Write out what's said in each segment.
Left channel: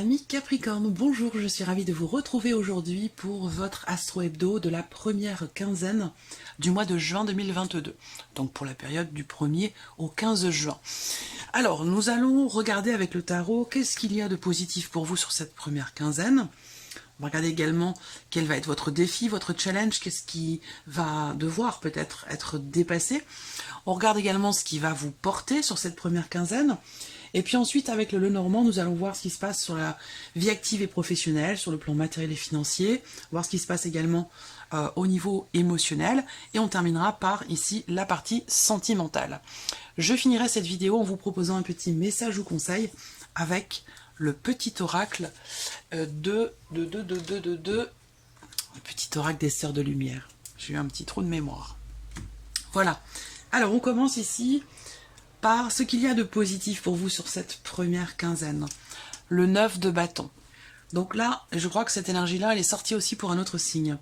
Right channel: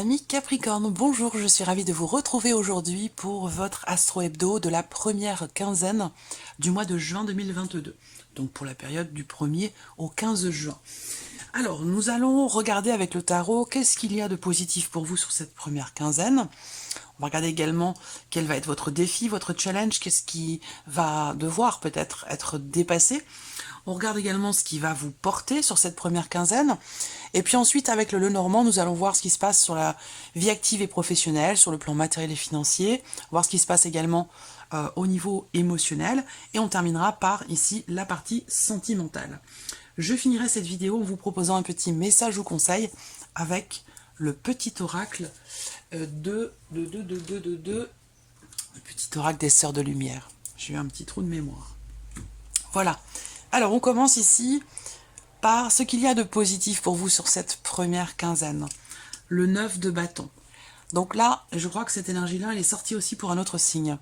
Amis Capricorne, bonjour, je suis ravie de vous retrouver aujourd'hui pour votre Astro Hebdo de la première quinzaine du mois de juin 2022, donc pour la période du 1er au 15 juin. Alors, nous allons regarder avec le tarot qu'est-ce qu'il y a de positif pour vous sur cette première quinzaine. On va regarder également quel va être votre défi, votre challenge, qu'est-ce qui va devoir peut-être être dépassé. On regarde également ce qui va vous porter sur cette première quinzaine. Et puis ensuite, avec le Lenormand, nous allons voir ce qui se passe sur la vie active et professionnelle, sur le plan matériel et financier, voir ce qui se passe également au niveau émotionnel. Et on terminera par, ici, la partie sentimentale. Je finirai cette vidéo en vous proposant un petit message ou conseil avec le petit oracle le petit oracle des Sœurs de Lumière. J'ai eu un petit trou de mémoire. Voilà. Alors, on commence ici par ce qu'il y a de positif pour vous sur cette première quinzaine. Le 9 de bâton. Donc là, je crois que cette énergie-là, elle est sortie aussi pour un autre signe.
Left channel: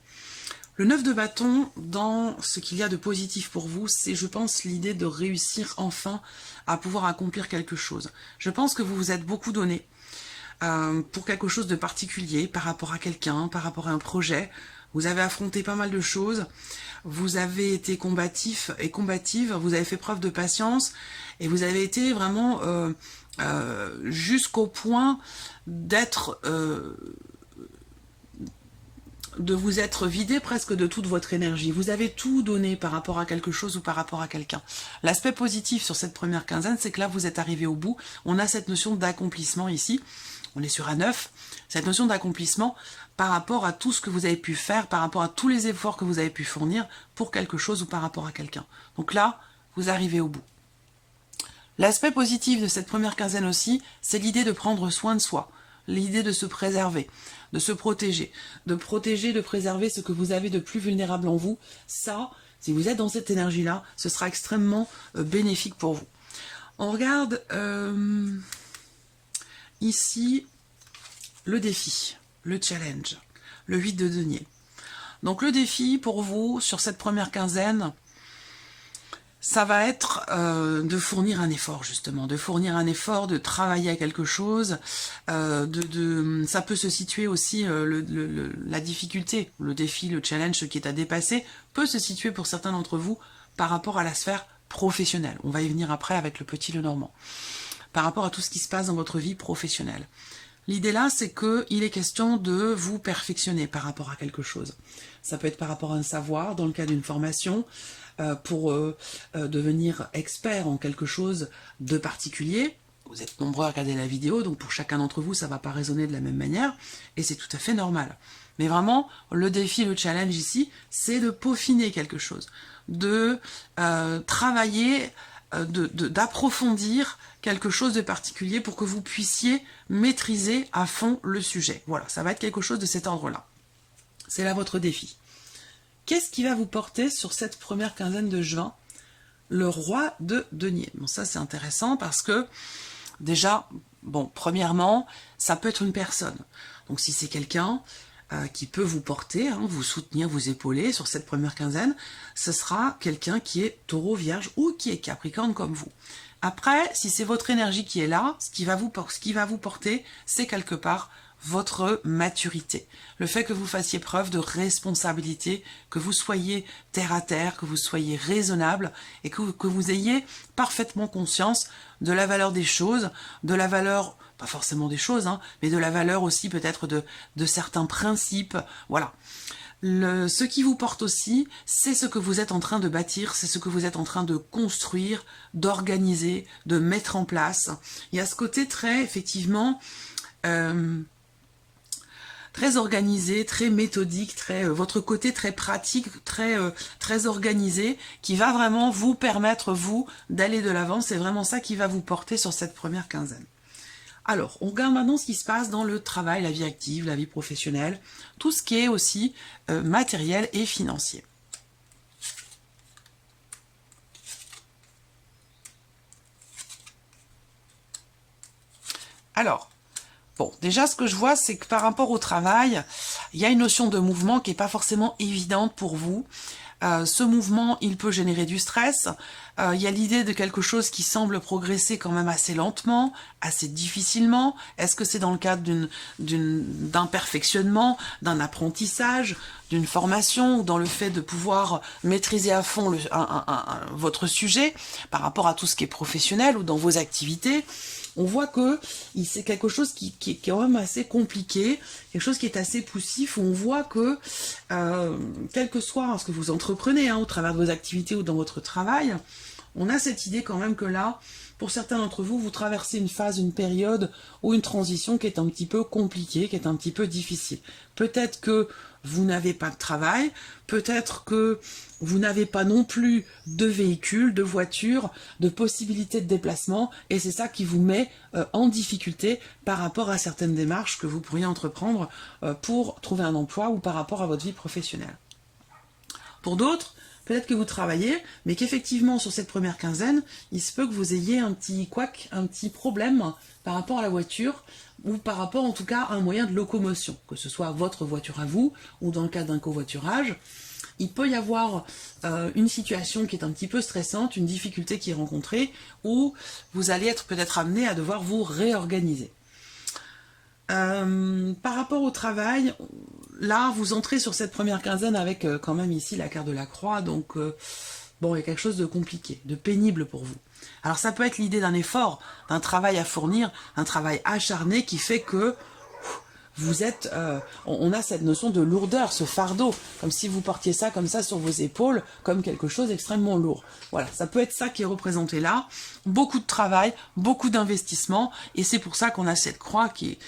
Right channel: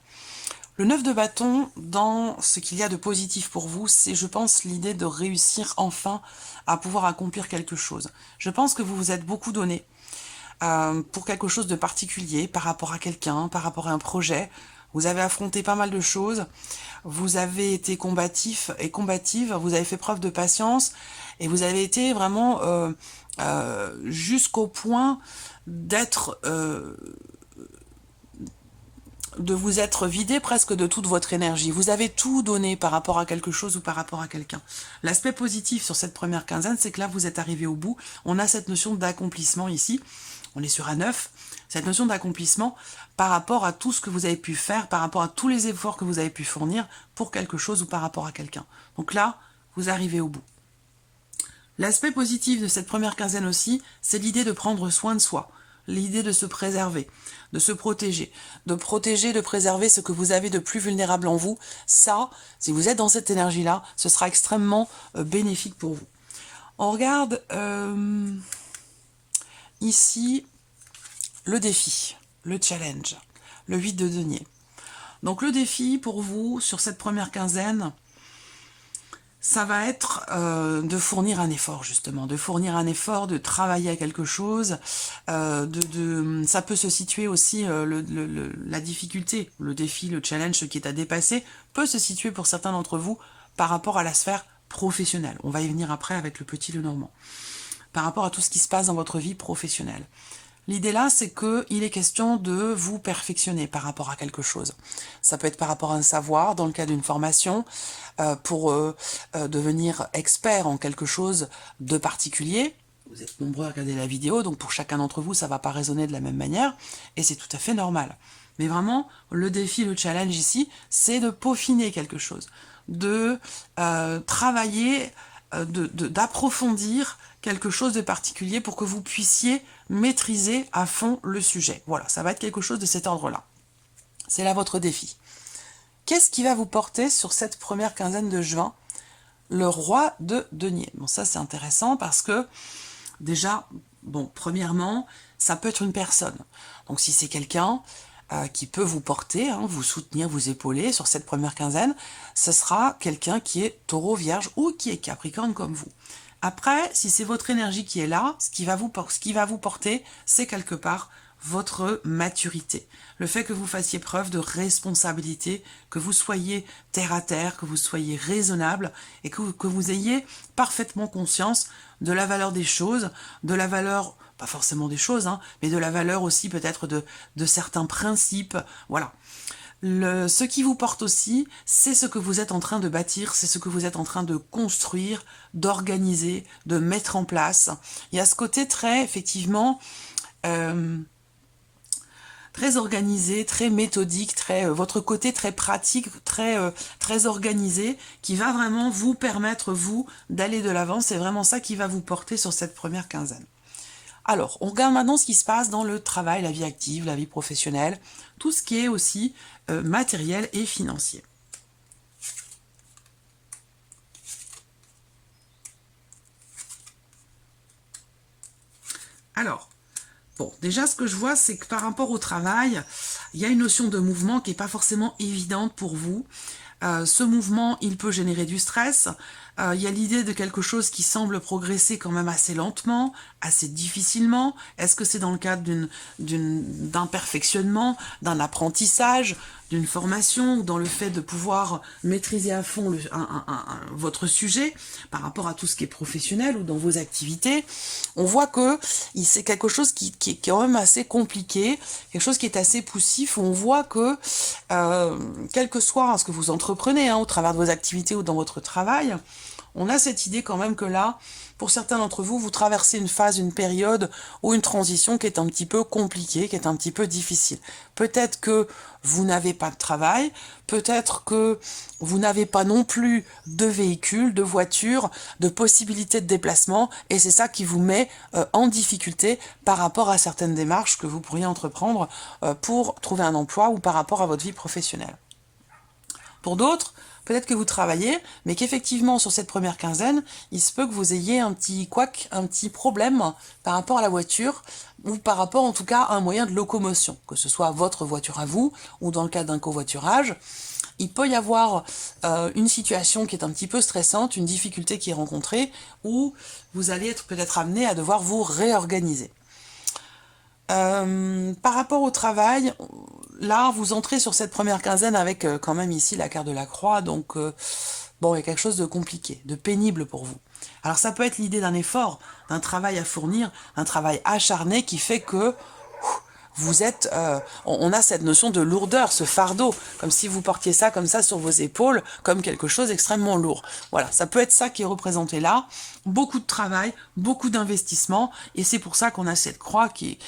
Le 9 de bâton, dans ce qu'il y a de positif pour vous, c'est, je pense, l'idée de réussir enfin à pouvoir accomplir quelque chose. Je pense que vous vous êtes beaucoup donné pour quelque chose de particulier, par rapport à quelqu'un, par rapport à un projet. Vous avez affronté pas mal de choses. Vous avez été combatif et combative, vous avez fait preuve de patience et vous avez été vraiment jusqu'au point d'être de vous être vidé presque de toute votre énergie. Vous avez tout donné par rapport à quelque chose ou par rapport à quelqu'un. L'aspect positif sur cette première quinzaine, c'est que là, vous êtes arrivé au bout. On a cette notion d'accomplissement ici. On est sur un 9. Cette notion d'accomplissement par rapport à tout ce que vous avez pu faire, par rapport à tous les efforts que vous avez pu fournir pour quelque chose ou par rapport à quelqu'un. Donc là, vous arrivez au bout. L'aspect positif de cette première quinzaine aussi, c'est l'idée de prendre soin de soi. L'idée de se préserver, de se protéger, de préserver ce que vous avez de plus vulnérable en vous. Ça, si vous êtes dans cette énergie-là, ce sera extrêmement bénéfique pour vous. On regarde ici le défi, le challenge, le 8 de denier. Donc le défi pour vous sur cette première quinzaine, ça va être de fournir un effort, justement, de fournir un effort, de travailler à quelque chose. Ça peut se situer aussi, la difficulté, le défi, le challenge, ce qui est à dépasser, peut se situer pour certains d'entre vous par rapport à la sphère professionnelle. On va y venir après avec le petit Lenormand. Par rapport à tout ce qui se passe dans votre vie professionnelle. L'idée là, c'est qu'il est question de vous perfectionner par rapport à quelque chose. Ça peut être par rapport à un savoir, dans le cas d'une formation, pour devenir expert en quelque chose de particulier. Vous êtes nombreux à regarder la vidéo, donc pour chacun d'entre vous, ça ne va pas résonner de la même manière, et c'est tout à fait normal. Mais vraiment, le défi, le challenge ici, c'est de peaufiner quelque chose, de travailler, d'approfondir quelque chose de particulier pour que vous puissiez maîtriser à fond le sujet. Voilà, ça va être quelque chose de cet ordre-là. C'est là votre défi. Qu'est-ce qui va vous porter sur cette première quinzaine de juin? Le roi de denier. Bon, ça c'est intéressant parce que déjà, bon, premièrement, ça peut être une personne. Donc si c'est quelqu'un qui peut vous porter, vous soutenir, vous épauler sur cette première quinzaine, ce sera quelqu'un qui est taureau, vierge ou qui est capricorne comme vous. Après, si c'est votre énergie qui est là, ce qui va vous porter, c'est quelque part votre maturité. Le fait que vous fassiez preuve de responsabilité, que vous soyez terre à terre, que vous soyez raisonnable et que vous ayez parfaitement conscience de la valeur des choses, de la valeur, pas forcément des choses, mais de la valeur aussi peut-être de certains principes. Voilà. Ce qui vous porte aussi, c'est ce que vous êtes en train de bâtir, c'est ce que vous êtes en train de construire, d'organiser, de mettre en place. Il y a ce côté très, effectivement, très organisé, très méthodique, votre côté très pratique, très organisé, qui va vraiment vous permettre, vous, d'aller de l'avant. C'est vraiment ça qui va vous porter sur cette première quinzaine. Alors, on regarde maintenant ce qui se passe dans le travail, la vie active, la vie professionnelle, tout ce qui est aussi matériel et financier. Alors, bon, déjà ce que je vois, c'est que par rapport au travail, il y a une notion de mouvement qui n'est pas forcément évidente pour vous. Ce mouvement, il peut générer du stress. Il y a l'idée de quelque chose qui semble progresser quand même assez lentement, assez difficilement. Est-ce que c'est dans le cadre d'un perfectionnement, d'un apprentissage, d'une formation, ou dans le fait de pouvoir maîtriser à fond votre sujet par rapport à tout ce qui est professionnel ou dans vos activités? On voit que c'est quelque chose qui est quand même assez compliqué, quelque chose qui est assez poussif, où on voit que, quel que soit ce que vous entreprenez, au travers de vos activités ou dans votre travail, on a cette idée quand même que là, pour certains d'entre vous, vous traversez une phase, une période ou une transition qui est un petit peu compliquée, qui est un petit peu difficile. Peut-être que vous n'avez pas de travail, peut-être que vous n'avez pas non plus de véhicule, de voiture, de possibilités de déplacement, et c'est ça qui vous met en difficulté par rapport à certaines démarches que vous pourriez entreprendre pour trouver un emploi ou par rapport à votre vie professionnelle. Pour d'autres, peut-être que vous travaillez, mais qu'effectivement, sur cette première quinzaine, il se peut que vous ayez un petit couac, un petit problème par rapport à la voiture, ou par rapport en tout cas à un moyen de locomotion, que ce soit votre voiture à vous, ou dans le cas d'un covoiturage. Il peut y avoir une situation qui est un petit peu stressante, une difficulté qui est rencontrée, où vous allez être peut-être amené à devoir vous réorganiser. Par rapport au travail, là, vous entrez sur cette première quinzaine avec quand même ici la carte de la croix, donc bon, il y a quelque chose de compliqué, de pénible pour vous. Alors ça peut être l'idée d'un effort, d'un travail à fournir, un travail acharné qui fait que vous êtes, on a cette notion de lourdeur, ce fardeau, comme si vous portiez ça comme ça sur vos épaules, comme quelque chose d'extrêmement lourd. Voilà, ça peut être ça qui est représenté là. Beaucoup de travail, beaucoup d'investissement, et c'est pour ça qu'on a cette croix qui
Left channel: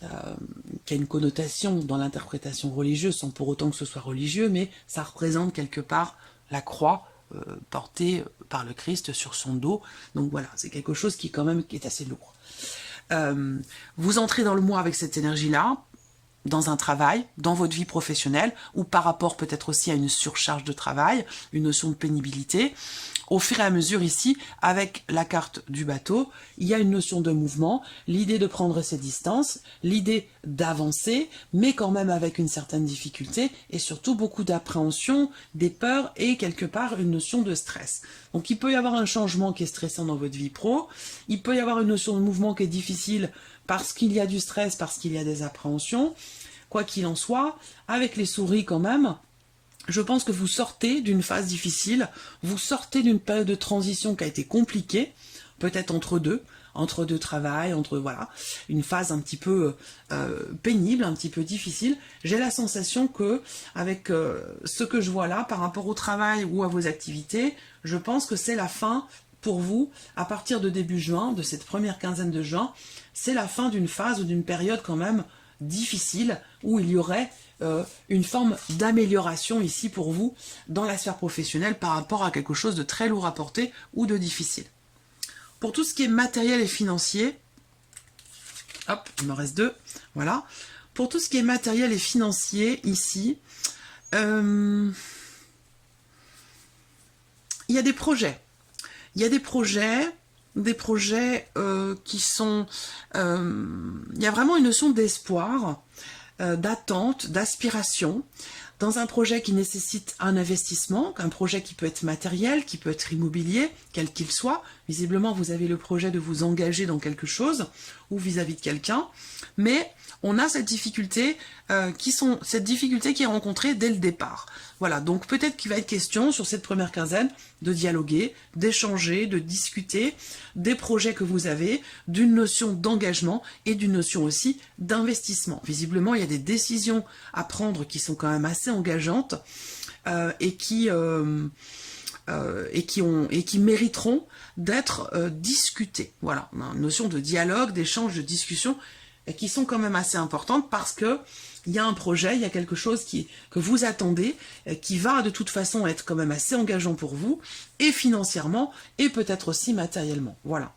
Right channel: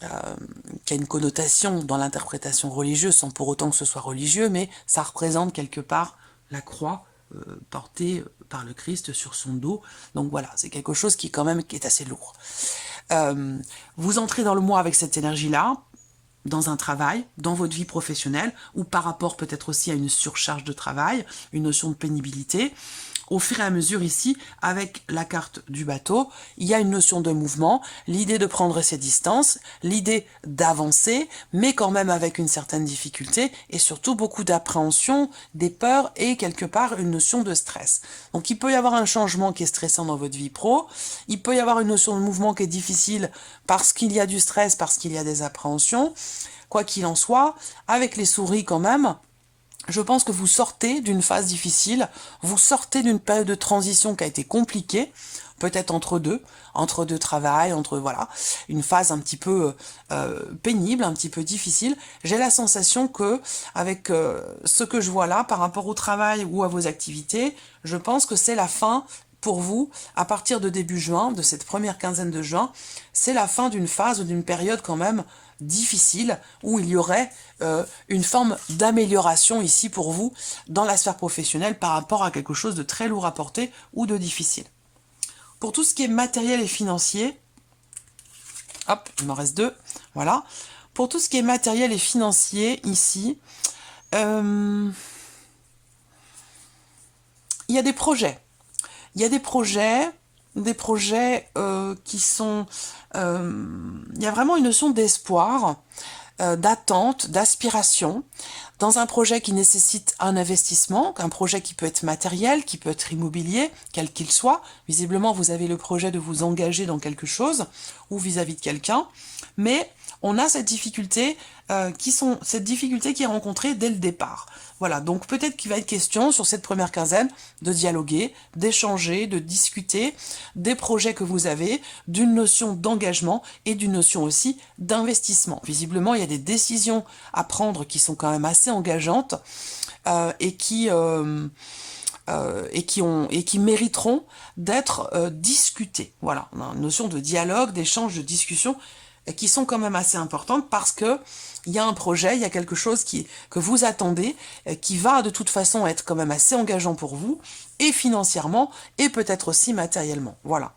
a une connotation dans l'interprétation religieuse, sans pour autant que ce soit religieux, mais ça représente quelque part la croix portée par le Christ sur son dos. Donc voilà, c'est quelque chose qui quand même est assez lourd. Vous entrez dans le mois avec cette énergie-là, dans un travail, dans votre vie professionnelle, ou par rapport peut-être aussi à une surcharge de travail, une notion de pénibilité. Au fur et à mesure ici, avec la carte du bateau, il y a une notion de mouvement, l'idée de prendre ses distances, l'idée d'avancer, mais quand même avec une certaine difficulté, et surtout beaucoup d'appréhension, des peurs et quelque part une notion de stress. Donc il peut y avoir un changement qui est stressant dans votre vie pro, il peut y avoir une notion de mouvement qui est difficile parce qu'il y a du stress, parce qu'il y a des appréhensions. Quoi qu'il en soit, avec les souris quand même, je pense que vous sortez d'une phase difficile, vous sortez d'une période de transition qui a été compliquée, peut-être entre deux travail, voilà, une phase un petit peu pénible, un petit peu difficile. J'ai la sensation que, avec ce que je vois là, par rapport au travail ou à vos activités, je pense que c'est la fin pour vous, à partir de début juin, de cette première quinzaine de juin, c'est la fin d'une phase ou d'une période quand même difficile, où il y aurait une forme d'amélioration ici pour vous dans la sphère professionnelle par rapport à quelque chose de très lourd à porter ou de difficile. Pour tout ce qui est matériel et financier, hop, il m'en reste deux, voilà. Pour tout ce qui est matériel et financier, ici, il y a des projets. Il y a des projets qui sont... il y a vraiment une notion d'espoir, d'attente, d'aspiration, dans un projet qui nécessite un investissement, un projet qui peut être matériel, qui peut être immobilier, quel qu'il soit. Visiblement, vous avez le projet de vous engager dans quelque chose, ou vis-à-vis de quelqu'un, mais on a cette difficulté qui est rencontrée dès le départ. Voilà, donc peut-être qu'il va être question sur cette première quinzaine de dialoguer, d'échanger, de discuter des projets que vous avez, d'une notion d'engagement et d'une notion aussi d'investissement. Visiblement, il y a des décisions à prendre qui sont quand même assez engageantes et qui mériteront d'être discutées. Voilà, on a une notion de dialogue, d'échange, de discussion qui sont quand même assez importantes parce que il y a un projet, il y a quelque chose que vous attendez, qui va de toute façon être quand même assez engageant pour vous, et financièrement, et peut-être aussi matériellement. Voilà.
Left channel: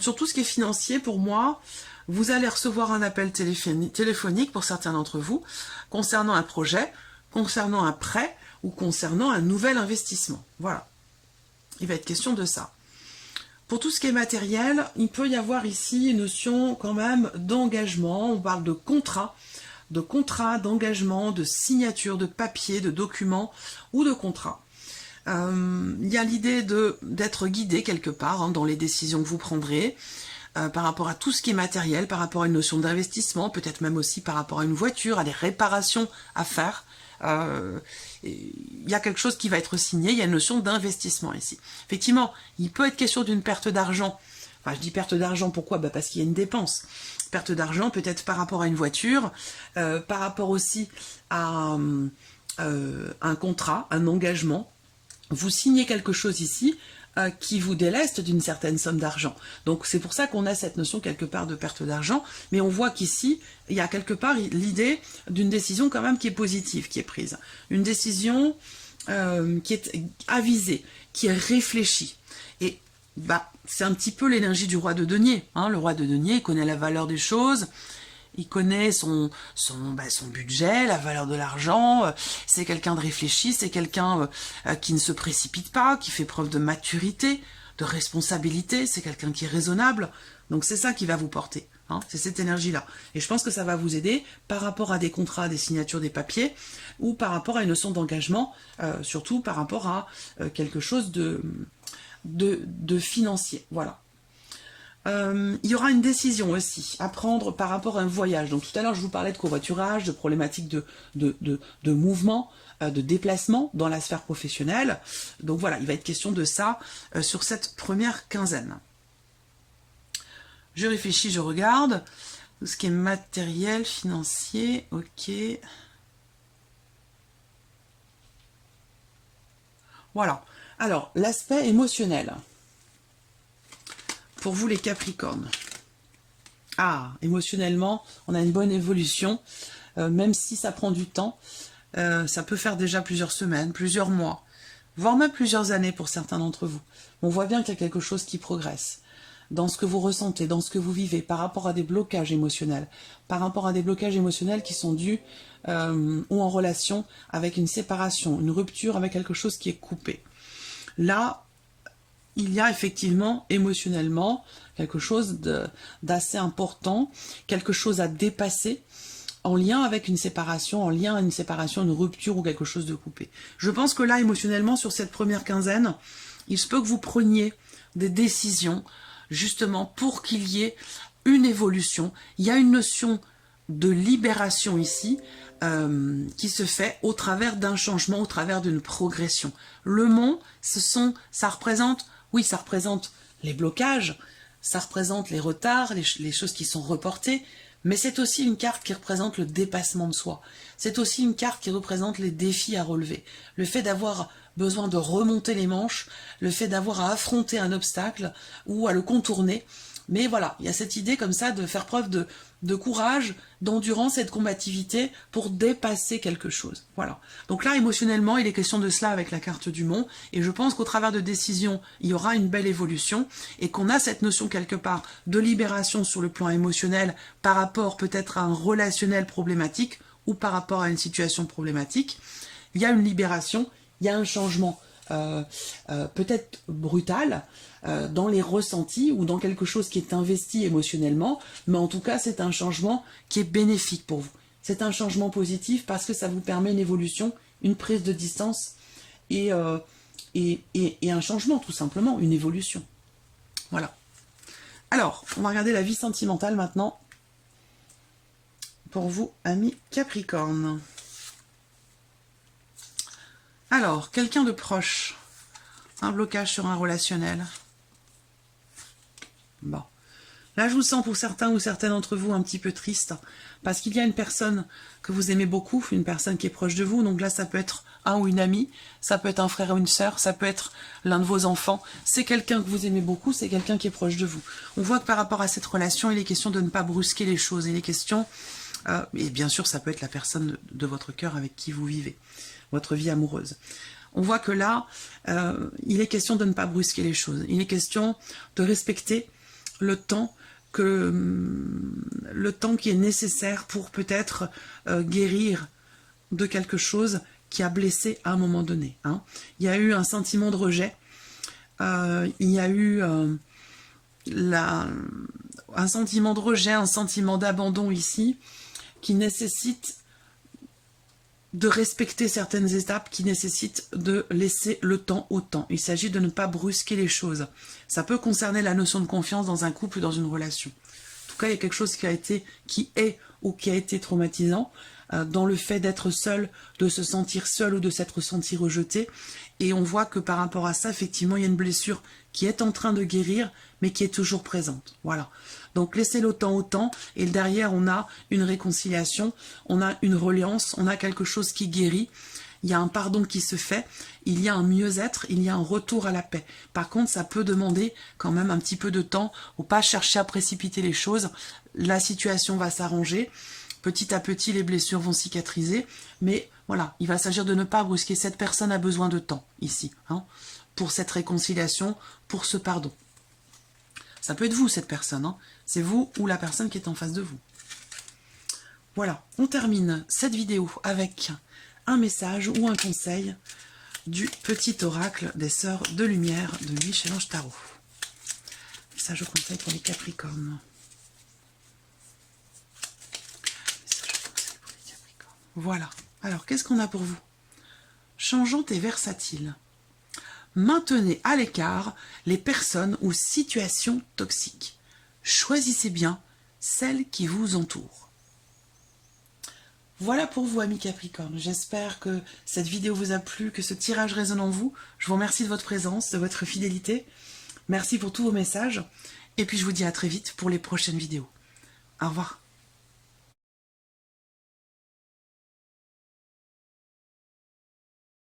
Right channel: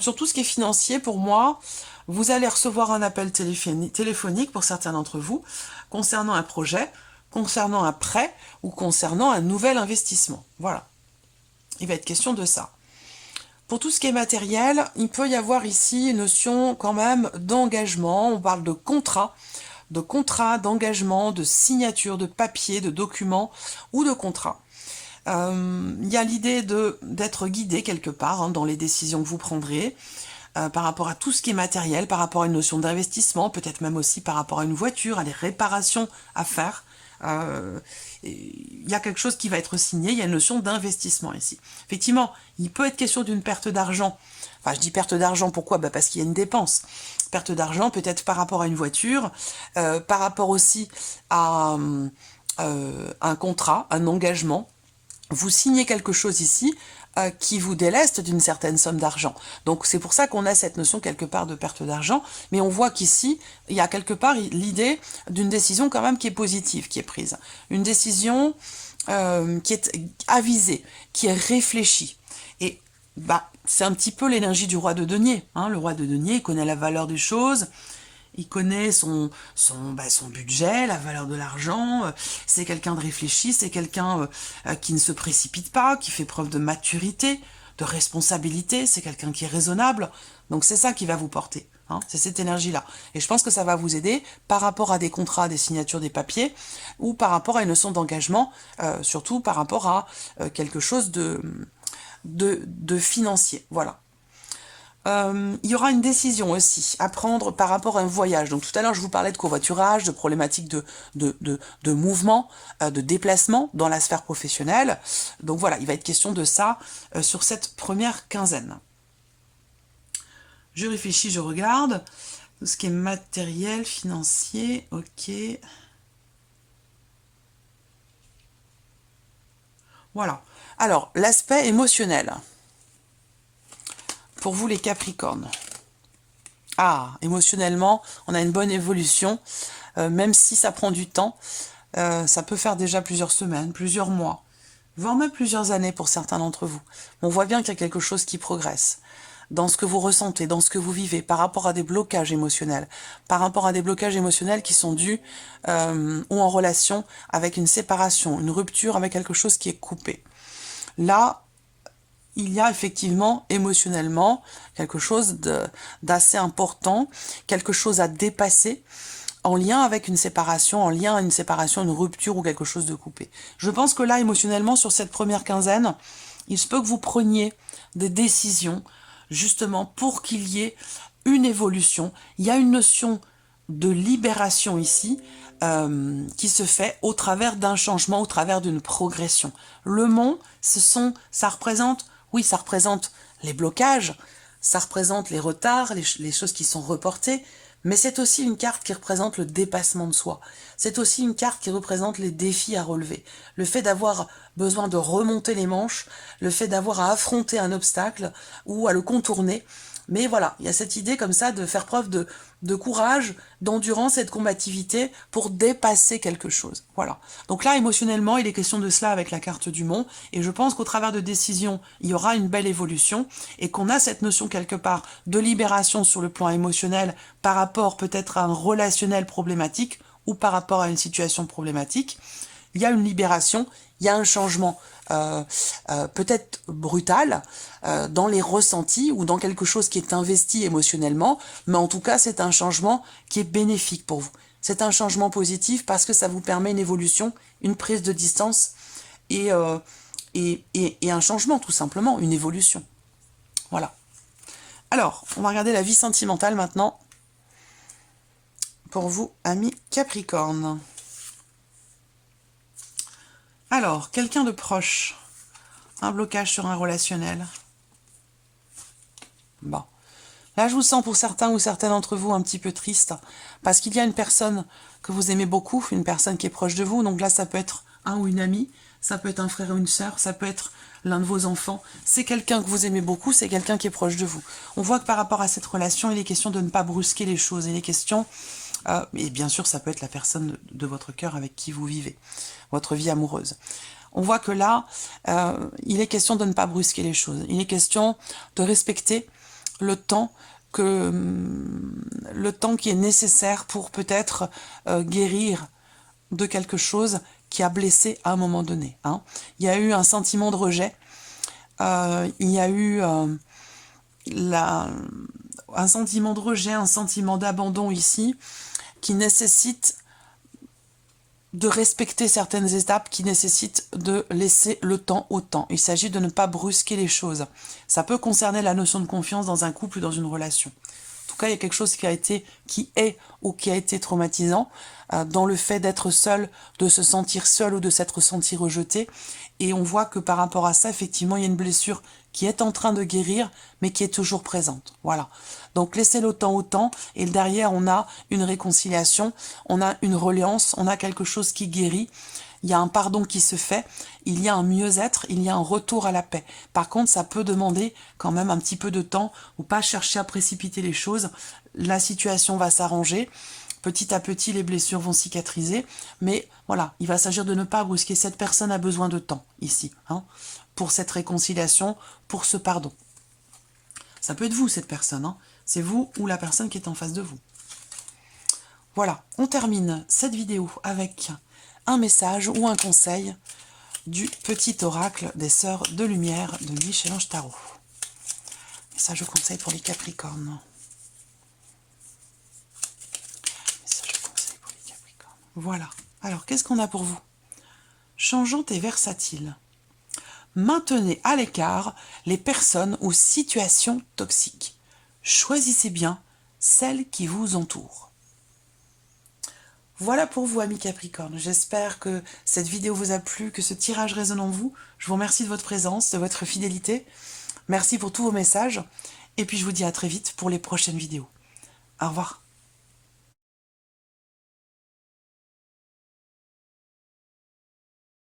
Sur tout ce qui est financier, pour moi, vous allez recevoir un appel téléphonique pour certains d'entre vous, concernant un projet, concernant un prêt, ou concernant un nouvel investissement. Voilà. Il va être question de ça. Pour tout ce qui est matériel, il peut y avoir ici une notion quand même d'engagement, on parle de contrat, de contrat, d'engagement, de signature, de papier, de documents ou de contrat. Il y a l'idée d'être guidé quelque part hein, dans les décisions que vous prendrez, par rapport à tout ce qui est matériel, par rapport à une notion d'investissement, peut-être même aussi par rapport à une voiture, à des réparations à faire. Il y a quelque chose qui va être signé, il y a une notion d'investissement ici. Effectivement, il peut être question d'une perte d'argent. Enfin, je dis perte d'argent, pourquoi? Parce qu'il y a une dépense. Perte d'argent peut-être par rapport à une voiture, par rapport aussi à un contrat, un engagement. Vous signez quelque chose ici qui vous déleste d'une certaine somme d'argent. Donc c'est pour ça qu'on a cette notion quelque part de perte d'argent, mais on voit qu'ici, il y a quelque part l'idée d'une décision quand même qui est positive, qui est prise. Une décision qui est avisée, qui est réfléchie. Et c'est un petit peu l'énergie du roi de denier. Hein. Le roi de denier, il connaît la valeur des choses, il connaît son budget, la valeur de l'argent, c'est quelqu'un de réfléchi, c'est quelqu'un qui ne se précipite pas, qui fait preuve de maturité, de responsabilité, c'est quelqu'un qui est raisonnable. Donc c'est ça qui va vous porter, hein, c'est cette énergie-là. Et je pense que ça va vous aider par rapport à des contrats, des signatures, des papiers, ou par rapport à une notion d'engagement, surtout par rapport à quelque chose de financier. Voilà. Il y aura une décision aussi à prendre par rapport à un voyage. Donc tout à l'heure, je vous parlais de covoiturage, de problématiques de mouvement, de déplacement dans la sphère professionnelle. Donc voilà, il va être question de ça sur cette première quinzaine. Je réfléchis, je regarde. Tout ce qui est matériel, financier, ok. Voilà. Alors, l'aspect émotionnel. Pour vous les Capricornes. Ah, émotionnellement, on a une bonne évolution, même si ça prend du temps. Ça peut faire déjà plusieurs semaines, plusieurs mois, voire même plusieurs années pour certains d'entre vous. On voit bien qu'il y a quelque chose qui progresse dans ce que vous ressentez, dans ce que vous vivez, par rapport à des blocages émotionnels, par rapport à des blocages émotionnels qui sont dus ou en relation avec une séparation, une rupture avec quelque chose qui est coupé. Là, il y a effectivement émotionnellement quelque chose d'assez important, quelque chose à dépasser en lien avec une séparation, une rupture ou quelque chose de coupé. Je pense que là, émotionnellement, sur cette première quinzaine, il se peut que vous preniez des décisions justement pour qu'il y ait une évolution. Il y a une notion de libération ici qui se fait au travers d'un changement, au travers d'une progression. Le mont, ça représente les blocages, ça représente les retards, les choses qui sont reportées, mais c'est aussi une carte qui représente le dépassement de soi. C'est aussi une carte qui représente les défis à relever. Le fait d'avoir besoin de remonter les manches, le fait d'avoir à affronter un obstacle ou à le contourner. Mais voilà, il y a cette idée comme ça de faire preuve de courage, d'endurance et de combativité pour dépasser quelque chose. Voilà. Donc là, émotionnellement, il est question de cela avec la carte du mont. Et je pense qu'au travers de décisions, il y aura une belle évolution et qu'on a cette notion quelque part de libération sur le plan émotionnel par rapport peut-être à un relationnel problématique ou par rapport à une situation problématique. Il y a une libération, il y a un changement peut-être brutal dans les ressentis ou dans quelque chose qui est investi émotionnellement, mais en tout cas c'est un changement qui est bénéfique pour vous. C'est un changement positif parce que ça vous permet une évolution, une prise de distance et un changement tout simplement, une évolution. Voilà. Alors, on va regarder la vie sentimentale maintenant pour vous, amis Capricorne. Alors, quelqu'un de proche, un blocage sur un relationnel. Bon. Là, je vous sens pour certains ou certaines d'entre vous un petit peu triste, parce qu'il y a une personne que vous aimez beaucoup, une personne qui est proche de vous, donc là, ça peut être un ou une amie, ça peut être un frère ou une sœur, ça peut être l'un de vos enfants, c'est quelqu'un que vous aimez beaucoup, c'est quelqu'un qui est proche de vous. On voit que par rapport à cette relation, il est question de ne pas brusquer les choses, il est question, et bien sûr, ça peut être la personne de votre cœur avec qui vous vivez, votre vie amoureuse. On voit que là, il est question de ne pas brusquer les choses. Il est question de respecter le temps qui est nécessaire pour peut-être guérir de quelque chose qui a blessé à un moment donné. Hein. Il y a eu un sentiment de rejet. Il y a eu un sentiment de rejet, un sentiment d'abandon ici, qui nécessite de respecter certaines étapes, qui nécessitent de laisser le temps au temps. Il s'agit de ne pas brusquer les choses. Ça peut concerner la notion de confiance dans un couple ou dans une relation. En tout cas, il y a quelque chose qui est ou qui a été traumatisant dans le fait d'être seul, de se sentir seul ou de s'être senti rejeté. Et on voit que par rapport à ça, effectivement, il y a une blessure qui est en train de guérir, mais qui est toujours présente. Voilà. Donc, laissez le temps au temps, et derrière, on a une réconciliation, on a une reliance, on a quelque chose qui guérit, il y a un pardon qui se fait, il y a un mieux-être, il y a un retour à la paix. Par contre, ça peut demander quand même un petit peu de temps, ou pas chercher à précipiter les choses. La situation va s'arranger, petit à petit, les blessures vont cicatriser, mais voilà, il va s'agir de ne pas brusquer. Cette personne a besoin de temps, ici, hein, pour cette réconciliation, pour ce pardon. Ça peut être vous, cette personne, hein. C'est vous ou la personne qui est en face de vous. Voilà, on termine cette vidéo avec un message ou un conseil du petit oracle des Sœurs de Lumière de Michel-Ange Tarot. Message ou conseil pour les Capricornes. Message ou conseil pour les Capricornes. Voilà. Alors, qu'est-ce qu'on a pour vous? Changeante et versatile. Maintenez à l'écart les personnes ou situations toxiques. Choisissez bien celles qui vous entourent. Voilà pour vous, amis Capricorne. J'espère que cette vidéo vous a plu, que ce tirage résonne en vous. Je vous remercie de votre présence, de votre fidélité. Merci pour tous vos messages. Et puis je vous dis à très vite pour les prochaines vidéos. Au revoir.